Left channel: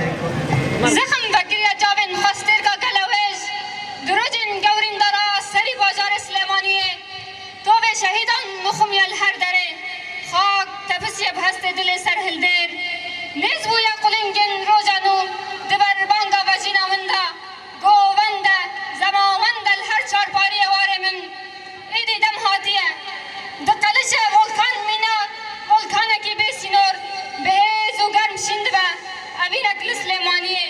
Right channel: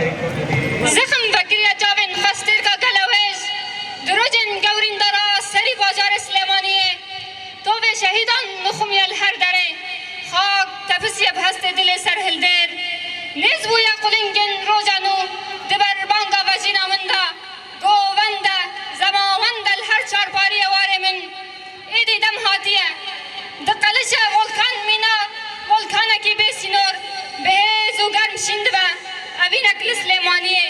زخم وگریه جاوین خستر کا گلویز دروجن گورین دارا سری بازار سلیمانیه تو به شهیدان مخمی الهر داره خاک تفسیه بهست دل سرهلدر نیز بویا قلنگن روزانو دبر بانگا وزینا مندا گوونده زماونده الهر چارپاری واره من ایدی دم هاتیه دقلش ولکان مینا ولکانکی بیسینور بهز و گرم شندبه اوینک سلیمانیه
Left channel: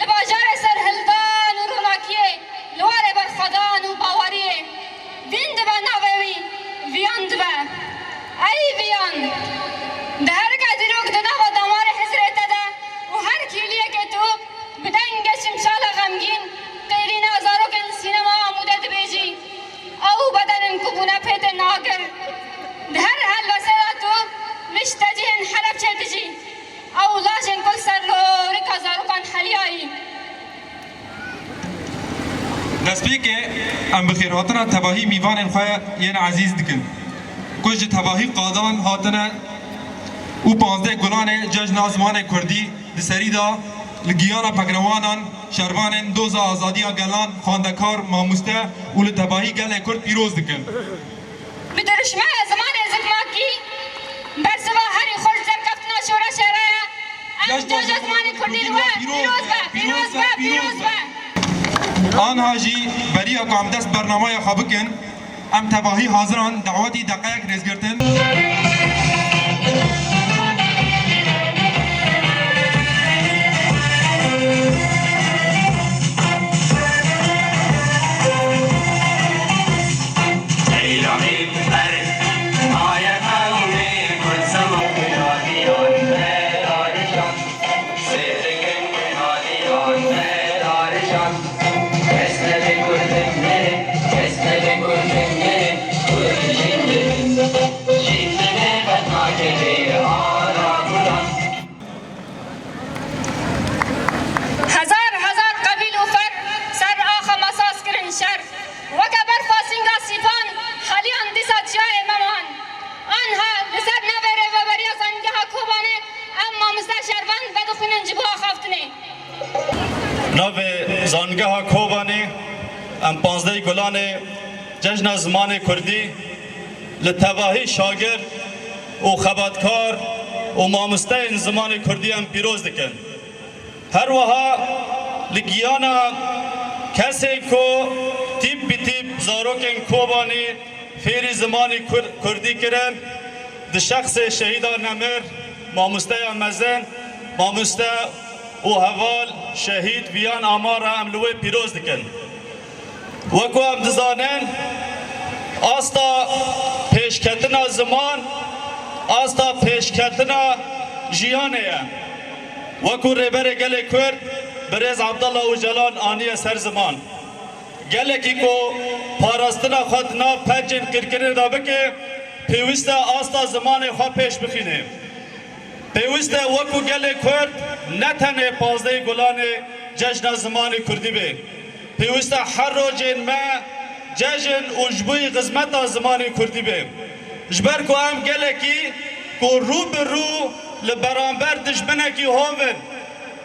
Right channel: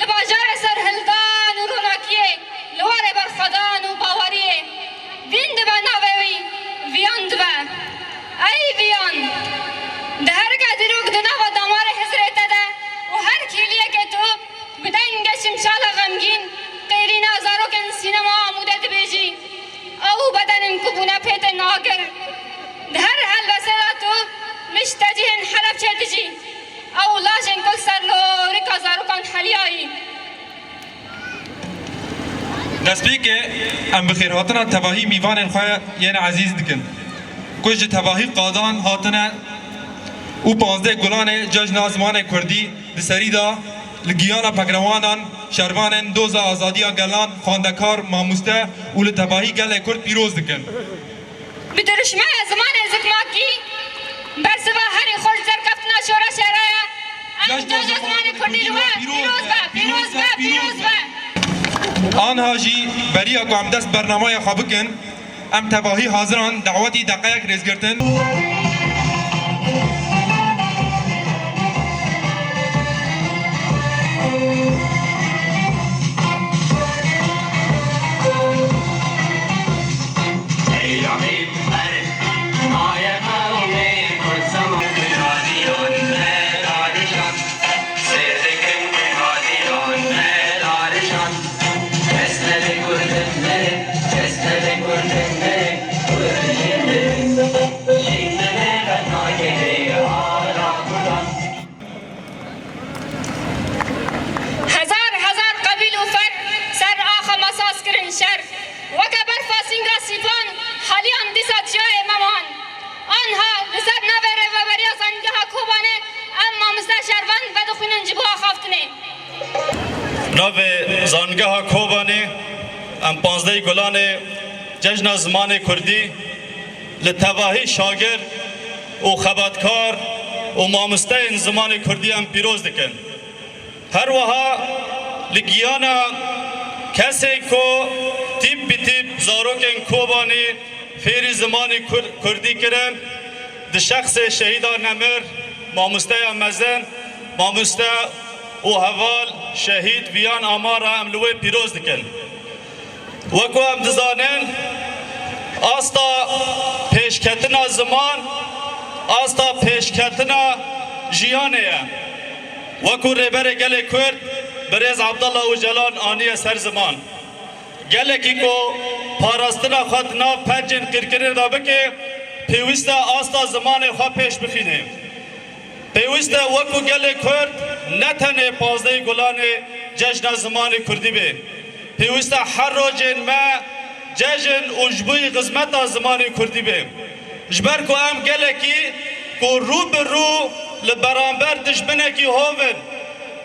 لباجار سرهلدان و روناکیه لواره برخدان و باوریه ویند به نووی ویاند به ای ویان ده هر قدروک دنا و دامار حضرت ده و هر کلیه که تو بدنگ شمشال غمگین قیرین ازاروکن سینما آموده بیجی او بدنن کبونه پیت ناگر ده هر حل وسیله تو مشتجهن حرف چدجی او لاجن کل سر لوری کازاروکان حلیایی دەستپێک ئەم بخێرهاتنە تەواهی میوانên xwe yên ezîz dikin ku ji tevahî qadan hatine û 15 gulanê cejna zimanê Kurdî di serî da li giyana pekrewanan şervanên doza azadiya gelan xwendekar mamoste û li tevahî gelê Kurd pîroz dikin. Bi diruşmaya zimanê zikmakî bersiva herî xweş zerkeftina şora şeraya em cejna zimanê Kurdî li we pîroz be. Anha jî beriya ku em dest bernamaya xwe bikin em tevahî haziran dewetî deqeyek rêzgirtin ناو زانگاه کوبانی ام 15 گلان جشن زمان کردی لتواهی شاگر و خبرکار و مامسته زمان کردی ام پیروز دکن هر وها لگیانا کسی کو تیپ بی تیپ زاروکن کوبانی فیری زمان کردی کرن ده شخص شهیدان نمر مامسته مزن مامسته و هوال شهید بیان آمار هم لوی پیروز دکن وکو هم دزانن آستا پیشکتنا زمان آستا پیشکتنا جیانه وکو ریبر گل کرد بریز عبدالله و جلال آنی سر زمان گل کی کو پاراستنا خود ناو پنجن قرقره دا بکه پیوسته آستا زمان خواه پیش بخینه پیوسته وکو گل کرد نتنه 15 گلان جشن زمان کردی به پیوسته هر روزین ما جشن اجبوی قسمت زمان کردی به جبر کو هم گل کی کو رو به رو لبرانبر دشمنه کی هوون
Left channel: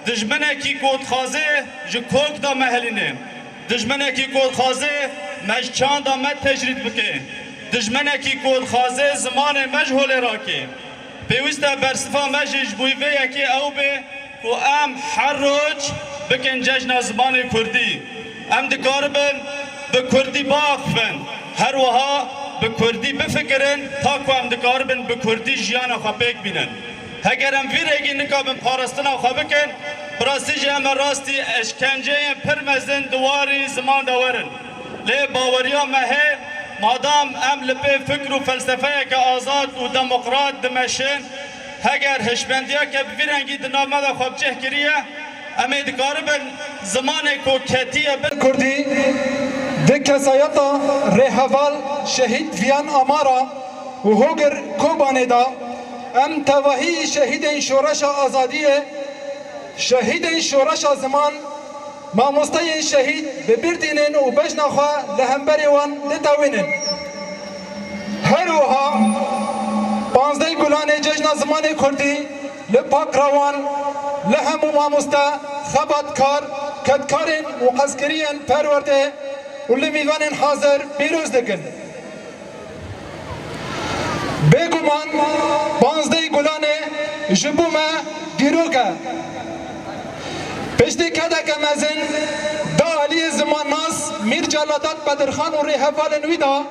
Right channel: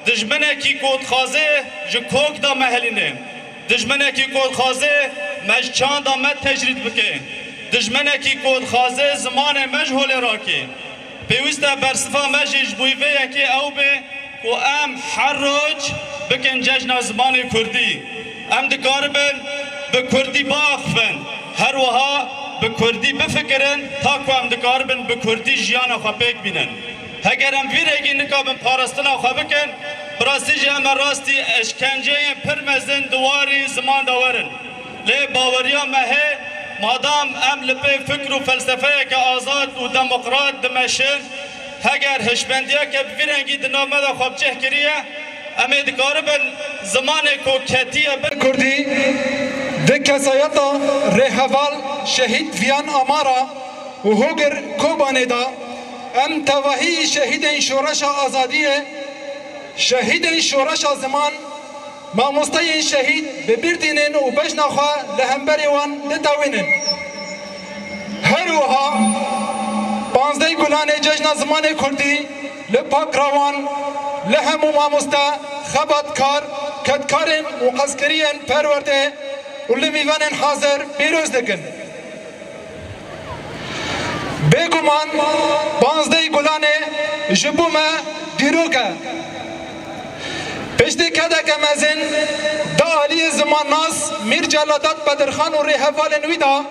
دشمنه کی کود خازه جکوک دا محلینه دشمنه کی کود خازه مجچان دا مد تجرید بکه دشمنه کی کود خازه زمان مجهول راکی پیوسته برصفا مجیج بویوه یکی او به و ام هر روز بکن جشن زبان کردی ام دکاربن به کردی باخفن هر وها به کردی بفکرن تا که ام دکاربن به کردی جیان خواه پیک بینن اگر ام ویرگی نکابن پارستنا خواه بکن براستی جه ام راستی اشکنجه پرمزن دواری زمان داورن لی باوریا مهه مادام ام لپی فکر و فلسفه که آزاد و دموکرات دمشن اگر هشبندیا که بفیرنگی دنامه دا خواب چه کریه امی دکاربن زمان کوکتیه کردی ده کسایتا رهوال شهید ویان آمارا و هوگر کوبانه دا ام تواهی شهید شورش آزادیه شهید شورش زمان ماموسته شهید ببردینن و بجنخوا لهمبری وان لتاوینن هر وها 15 گلان جشن زمان کردی لپاک روان لهم ماموستا خبات كار كدكارن وقسكريا پرورده واللي ميوانن حاضر بيروز دكن بگومان بانزده گلانه جبوما دیروکه پشتی کده که مزن دا آلی زمان ناس میر جلادات بدرخان و ریحوال نویدا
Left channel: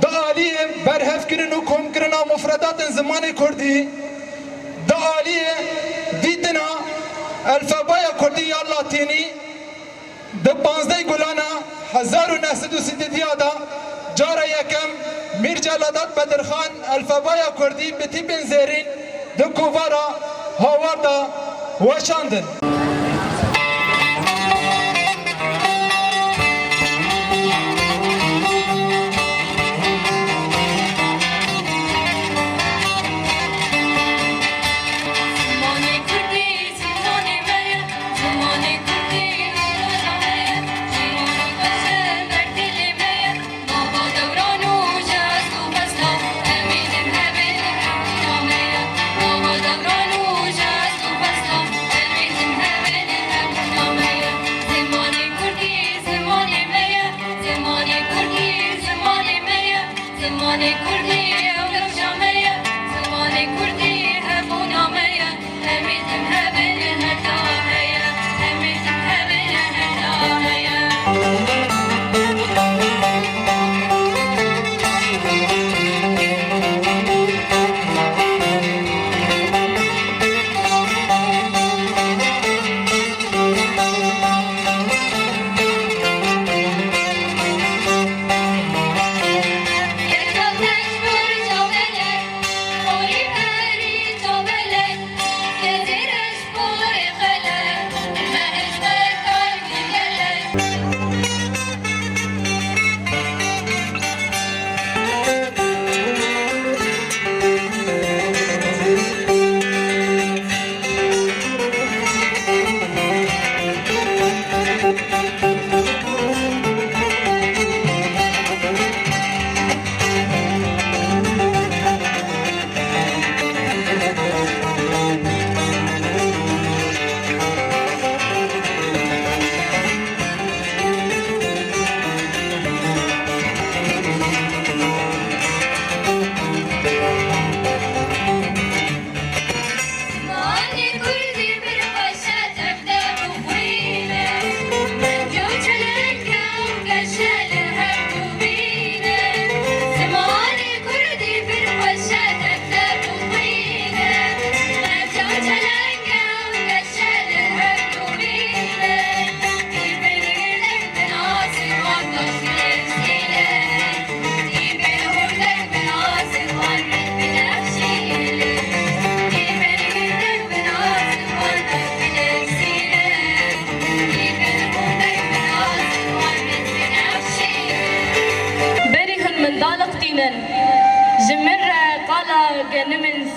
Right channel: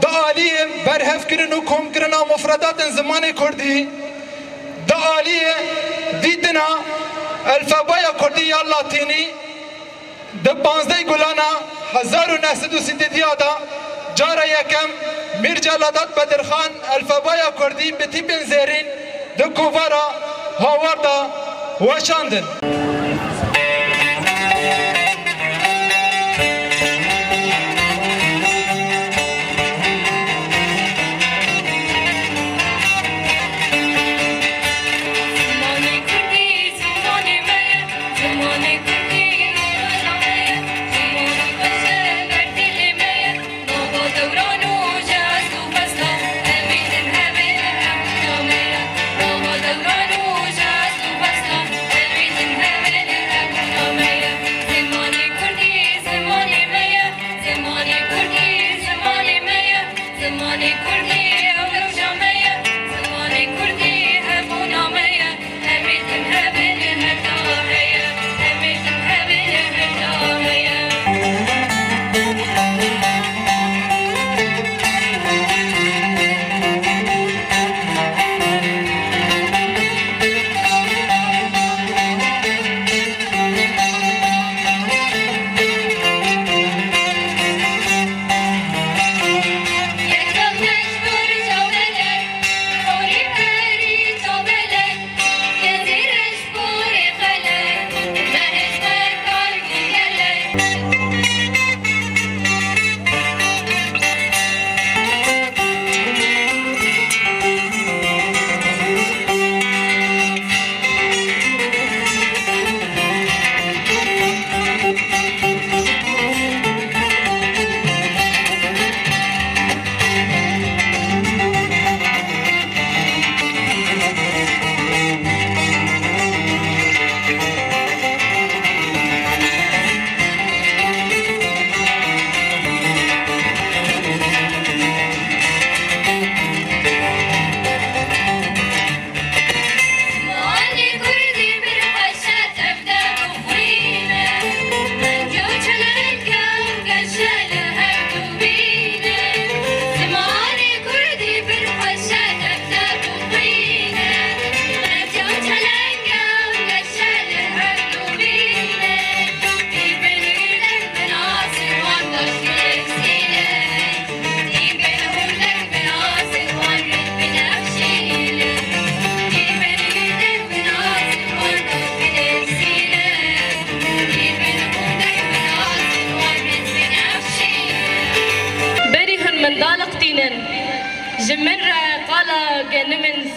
دا آلی برهف کرن و کم کرن و مفردات زمان کردی دا آلی دیدنا الفابای کردی یا لاتینی دا بانزده گلانه 1930 دا جارا یکم میر جلادات بدرخان الفابای کردی بتی بنزرین دا کووارا هاواردا وشاندن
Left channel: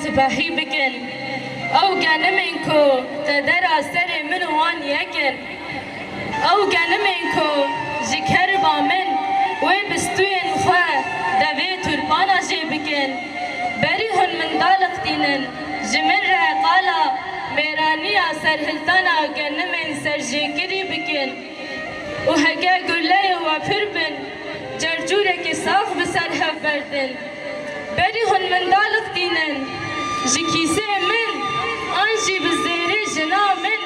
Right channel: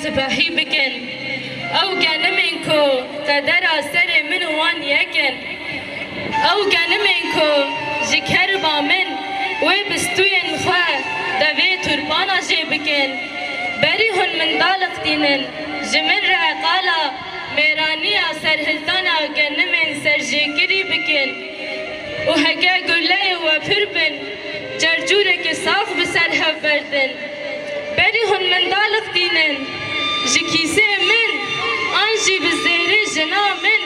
سپاهی بکن او گنمین کو قدر سر من وان یکن او گنمین کو جکر با من وی بستوین خواه دوی تربانا جی بکن بری هن من دالق دینن جمن را قالا میرانی سر هلتانا گنمین سر جیگری بکن و هگه گله و پربن جرجوره که صاف بسر هف بردن بری هن من دالق دینن جکیسه من آنجی بزیره جنا من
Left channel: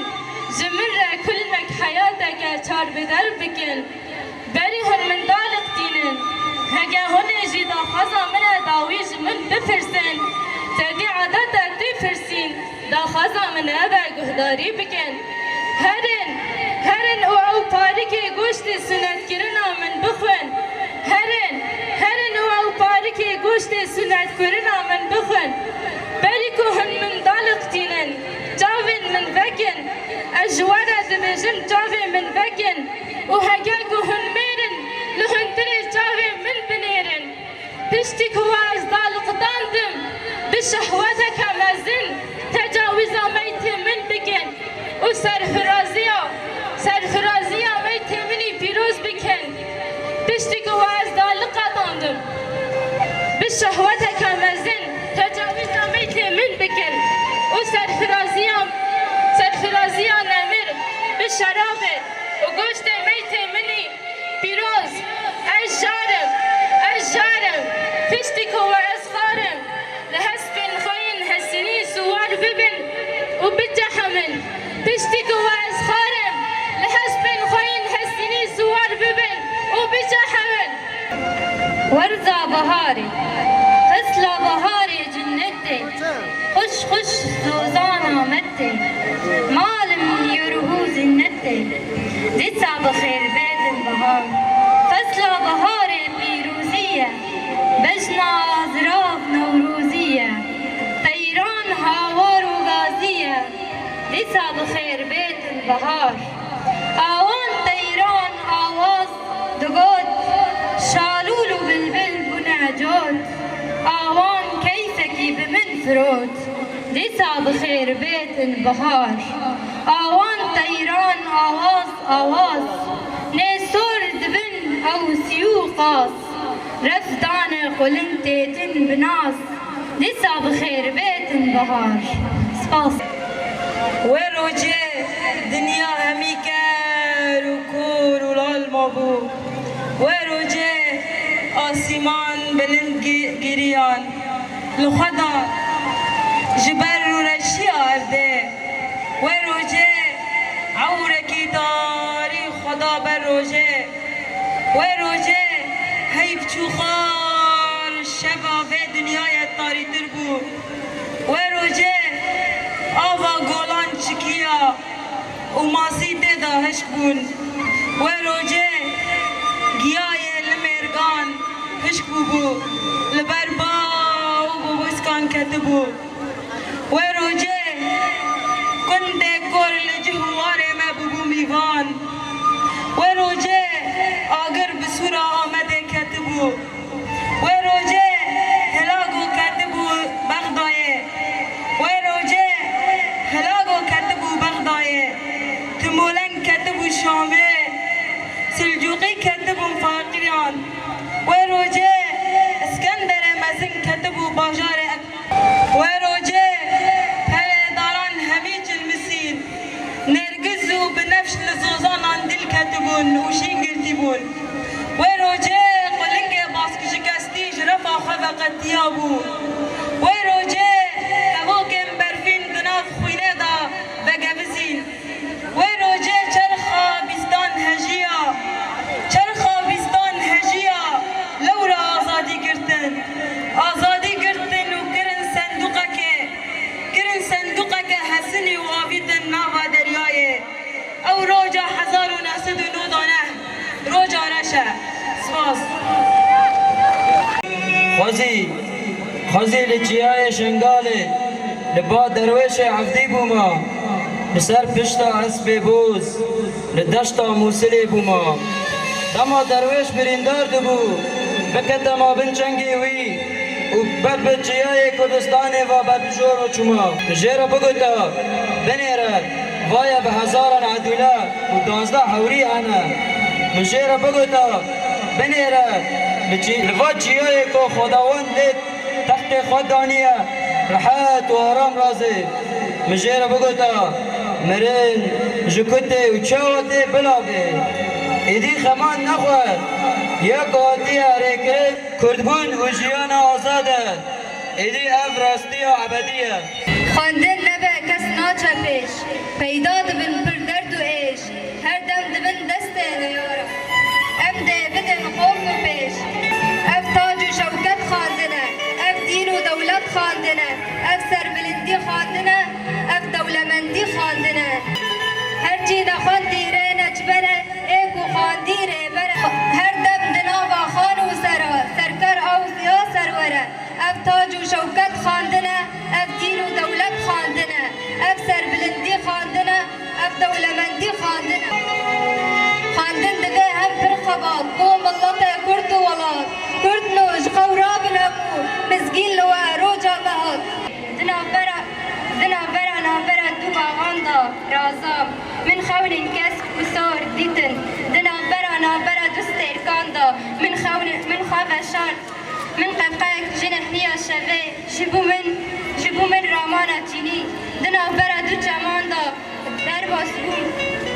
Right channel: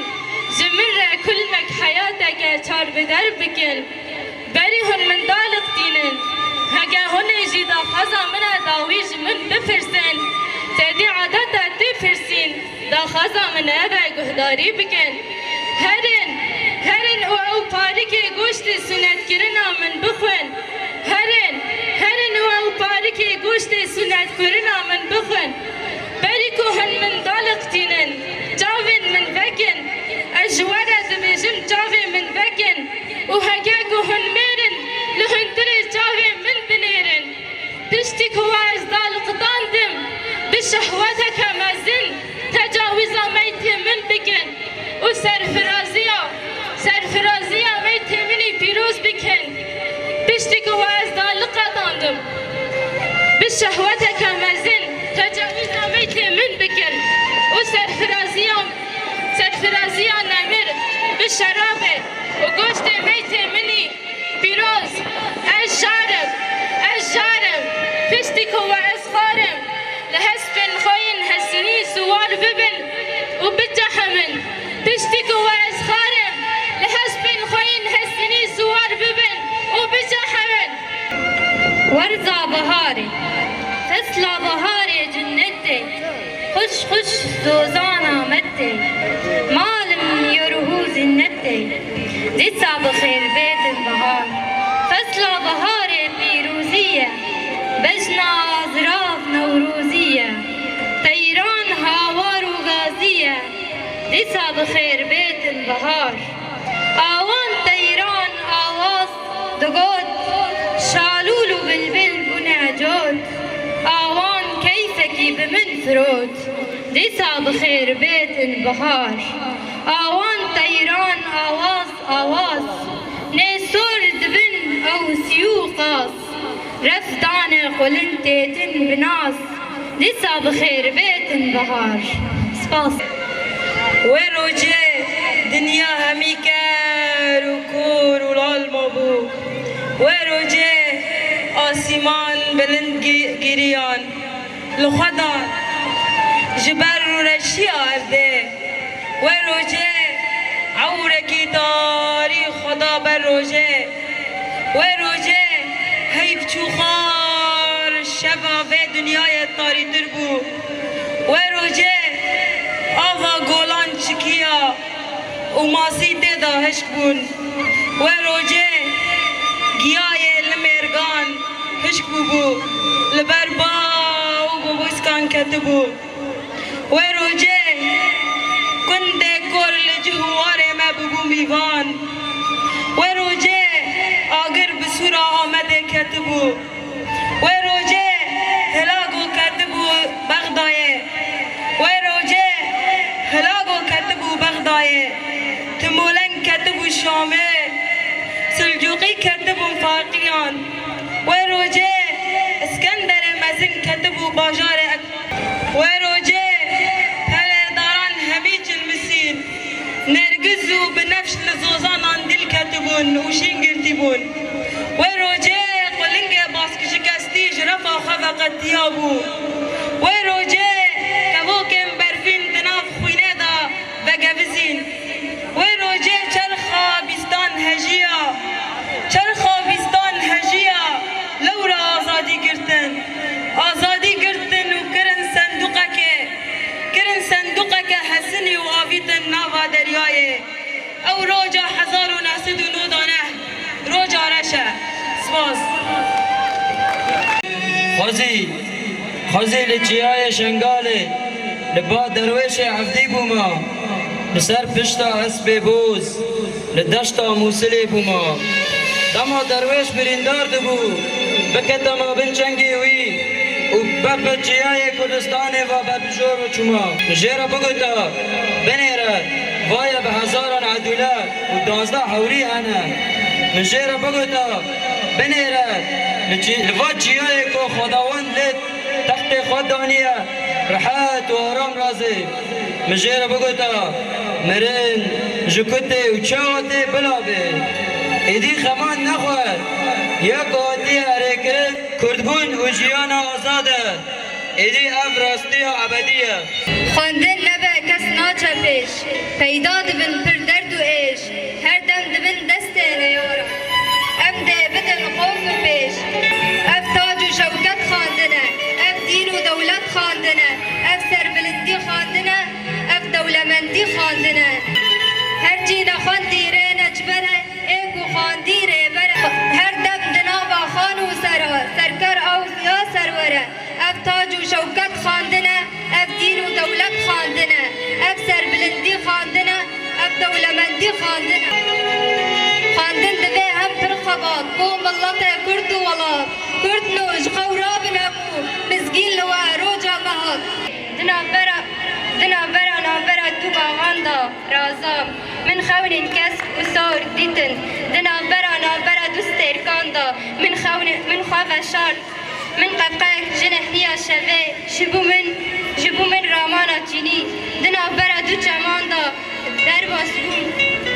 جمن را کل مک حیاتا که چار بدر بکن بری هن من دالق دینن هگه هن جیدا خزا من داویج من بفرسن تدی عادتا تفرسین دا خزا من ابا گهداری بکن هرن او پاری که گوشت سنت کرنا من بخون هرن او پاری که گوشت سنت کرنا من بخون بری که هن من دالق دینن جاوین من وکن اجوارا دبیجم جاوین من وکن و هگه که هن میرن لهن دلی جاوین من بنیرن پشتی که واز دالق داندم بشهوته کمازین تجاوزا میت من بکن و سرفرازیا میت منی پیروز بکن پشتی که واز دالق داندم بشهوته کمازین تجاوزا میت من بکن و سرفرازیا ورزا بهاري فصل بهاري جنتي خش خش زوزانا متي مالم يرهو زنتي ديتا بخير بيت البهار فصل بهاري بيروزية بجنا أزراف نوروزية طيران هاوار وغازية ديتا بخير بيت البهار آوان طيران آواز دقود شالولو بالبل بنعجود آوان كيفكي بمن ثروت ديسا بخير بيت البهار آوان طيران آواز نسور دبن أو سيوقاس رفدان قلنتين بناس ديسا بخير بيت البهار سباس وروجه دنیا همی کر و کور و لال مابو وروجه آسمان بلند گیریان لخدا جبر و رشی آرده وروجه عورکی داری خدا بر روجه وروجه حیف چوخار شبابه دنیای تاری تر بو وروجه آوا گولان چکیا و ماسی دیدا هشک بون و روجه گیای لمرگان هشک بو لبر با و بوسکان کتبو و روجه کنده کور لجهوار ما ببو میوان و روجه آگر بسورا آمده کتبو و روجه هلاگو کتبو بغدایه و روجه هلاگو کتبو بغدایه تمولن کتبو شامه سلجوقی کتبو فاقیان و روجه اسکندر مزن کتبو باجار و روجه پهلهداران همی جلمسین نرگزو بنفش لزوزانان دل کتبون وشین گرتیبون و روجه قلنگ باسکشی کستیج رفا خفقت دیابو و روجه کبوکم برفین دناف خوینه دا بگوزین و روجه چرخا بیستان هجیا چرخا بیستان هجیا لورا آزادی گرتن و کرن صندوقه حسنی و آویتن ناوا دریایه او روجا 1909 روجا رشه سپاس خزی لچیای شنگاله لبا درویش عفدی بوما لسر پشتا اسب بوز لدشتا موسلی بوما دما درویش بریندار دبو بکتا ما بنچنگی وی و بب چیای کردستان و بب جور و چما جیرا بگوتا بنیره وایا به هزاران عدوله و 12 حوری انا جیرا بگوتا بنیره لوا چیای که خداوند لک تحت خدانیه راحت و آرام رازی مجیرا بگوتا مرین جکوته و چاوته بلابه ایدی خمان نخواد یا قاطی حرکت کردبون و جیان آزاده ایدی اف راستی و عبدیه خواندن نبه کس ناچه پیش پیدا دبن پر درد و ایش هر دم دبن دست ریاره ام ده بدن قوم و پیش اف تاج و شوکت خواندنه اف دین و دولت خواندنه اف سربلندی خواندنه اف دولمندی خواندنه هر چی نخواندی ره نجبره ایگو خواندی ره بره هر دم دنابا خان و سرکر او یا سروره اف تاج و شوکت خواندنه اف دین و دولت خواندنه اف سربلندی خواندنه اف دولمندی خواندنه خواندن دبه هم پر خبات بو ملت کرد و ولات کرد نوش خوراب نبو مزگین لوا روجا مهات دنا برا دو باغاندا رازام من خون کسب و سار دیتن دنا برا دوسترکاندا من خواب شان من قبقاك جنحنيا شبه جبو من رامانا جيني دنا برا دو جماندا دربا سبون